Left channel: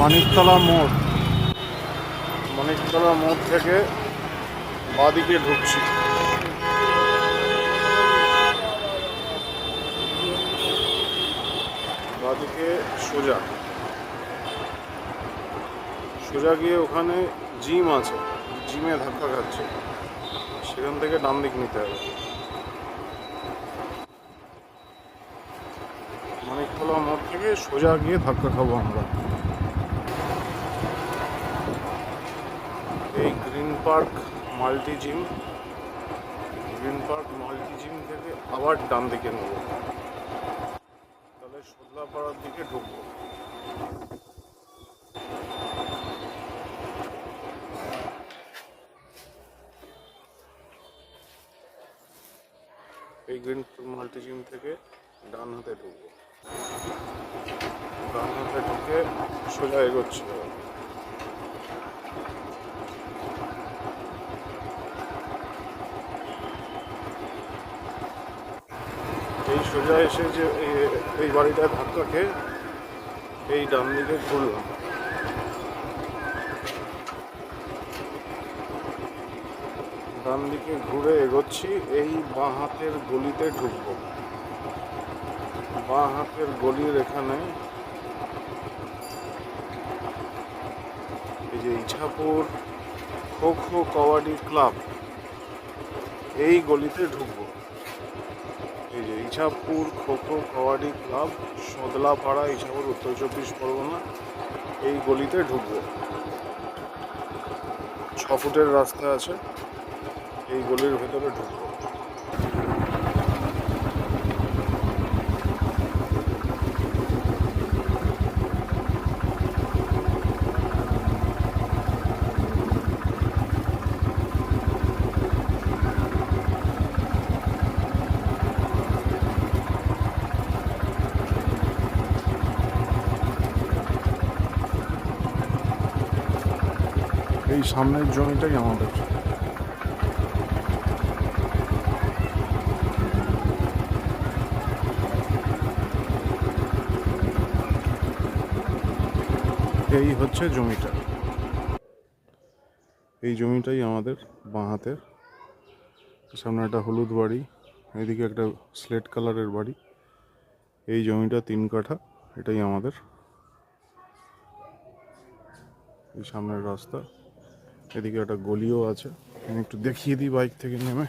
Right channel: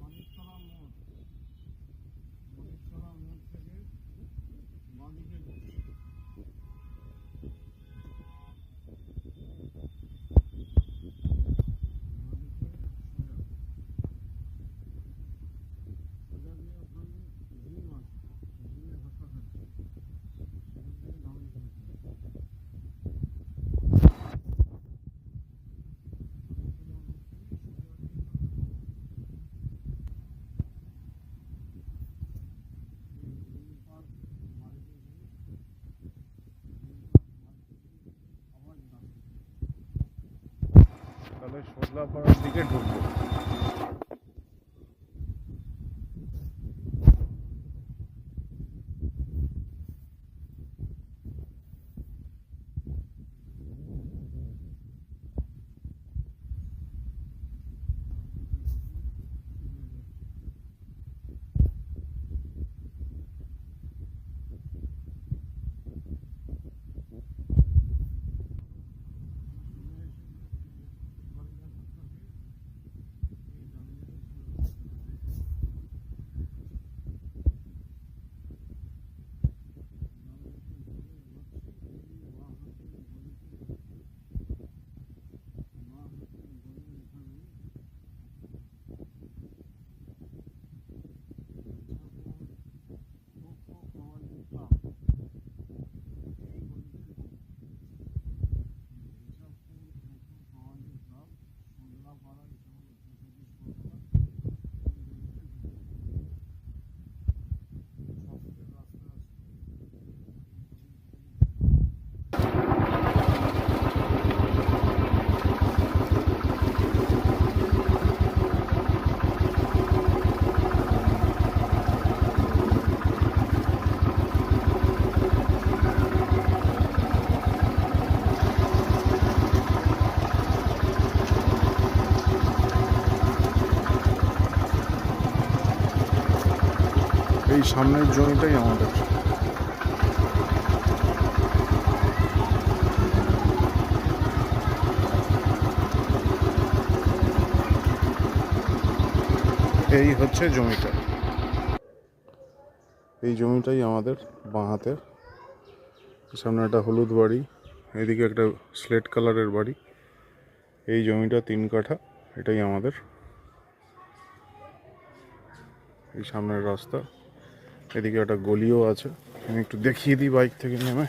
মানিকতলা মোড়, মানিকতলা মোড় থেকে বাঁদিকে ঢুকছি। বাঁদিকে সোজা সোজা গিয়ে ওখানে জিম আছে, জিমে ধাক্কা খাচ্ছে, সেখান থেকে ডান দিক নিতে হবে। মানিকতলা মোড় থেকে সোজা গিয়ে ধাক্কা খাবো আমরা। এই green park multi gym, green park multi gym থেকে আবার ডান দিকে নেব, তাহলে সজলাপাড়ার দিকে ঢুকবো। এই গ্রিন মাল্টি জিম থেকে ডান হাতে ঢুকবো, ডান হাতে ঢুকে সোজা এগোচ্ছি। এই সোজা এসে যে এই বাড়িটায় ধাক্কা খেয়ে এই ডান দিকে ঘুরলাম, ডান দিকে ঘুরে এগোচ্ছি। এই বাঁ হাতের গলিতে ঢুকবো, বাঁ হাতের গলির এখানে এই যে ইছাপুর খো খো কাবাডি ক্লাব, এই গলিতে ঢুকবো। এই যে ইছাপুর খো খো কাবাডি ক্লাব, সদলাপাড়া, ইছাপুর, উত্তর 24 পরগনা, এই গলিতে ঢুকবো। 6 ফুটের রাস্তা আছে, এই গলির ভেতরে ঢুকবো। এই সামনের জমিটাই আমাদের। এই হচ্ছে জমিটা, এই জমিটাই আমাদের বাঁ হাতের। সামনে একটা হলুদ বাড়ি, এদিকে একটা স্লেট কালারের বাড়ি। এই জমিটা 3 কাঠা, এটাই আমাদের। এই সামনের রাস্তা, এদিকে একটা গলিও আছে। আমি একটু দেখিয়ে দিই বাইক থেকে নেমে।